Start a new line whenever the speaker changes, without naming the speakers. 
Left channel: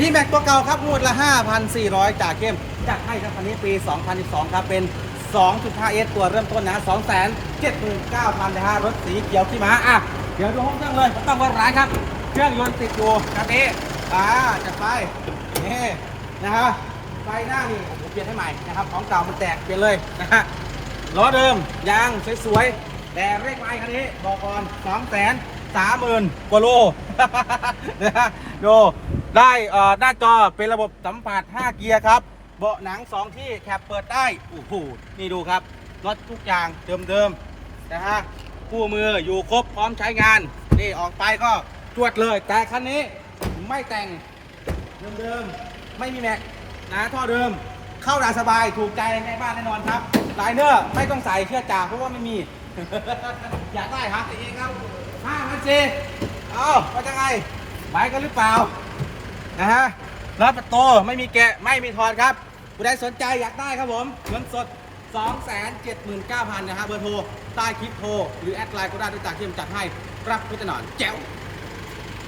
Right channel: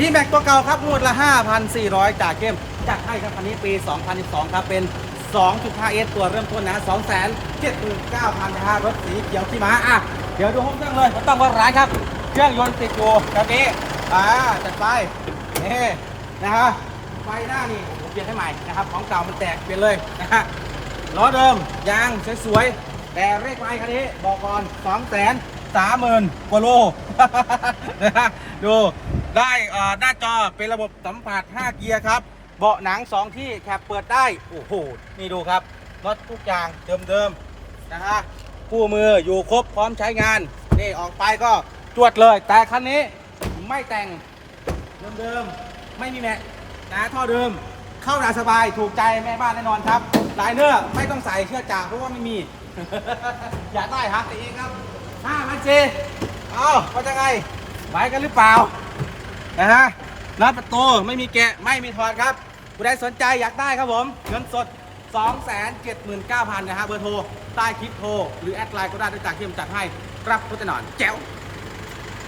พี่แม็กตัวเก่าครับงวดละ 5,400 จากเข้มจากให้ครับคันนี้ปี 2012 ครับ เป็น 2.5 s ตัวเริ่มต้นนะ 279,000นะฮะรถสีเขียวที่มาอะ เดี๋ยวดูห้องเครื่องเลยผมต้องว่าร้ายครับ เครื่องยนต์ติดอยู่แบบนี้อ่าจัดไปนี่นะฮะไฟหน้านี่ผมเปลี่ยนให้ใหม่นะครับ ของเก่ามันแตกเปลี่ยนเลยนะฮะล้อเดิมยางสวยๆแต่เลขไม้คันนี้บอกก่อนสองแสนสามหมื่นกว่าโลนะฮะดู ได้เอ่อหน้าจอเป็นระบบสัมผัส 5 เกียร์ครับ เบาะหนัง 2 ที่แคปเปิดได้ โอ้โห นี่ดูครับน็อตทุกอย่างเดิมๆนะฮะคู่มืออยู่ครบพร้อมใช้งาน นี่ออกไปก็ตรวจเลย แต่คันนี้ไม่แต่งเดิมๆ ไม่มีแม็กนะท่อเดิม เข้าได้สบายถูกใจแม่บ้านแน่นอนครับลายเนอร์ไม่ต้องใส่เชือกจ่าเพราะว่าไม่มี อยากได้ฮะตีเองครับห้าพันเจเอ้าว่าจะไงไหวกันหรือเปล่า นะฮะรับประตูไม่มีแกะไม่มีทอนครับผู้ใดสนใจอยากได้ครับผมเงินสด 279,000นะฮะเบอร์โทรใต้คลิปโทร หรือแอดไลน์ก็ได้ด้วยจากที่ผมจัดให้รับรถแน่นอนแจ๋ว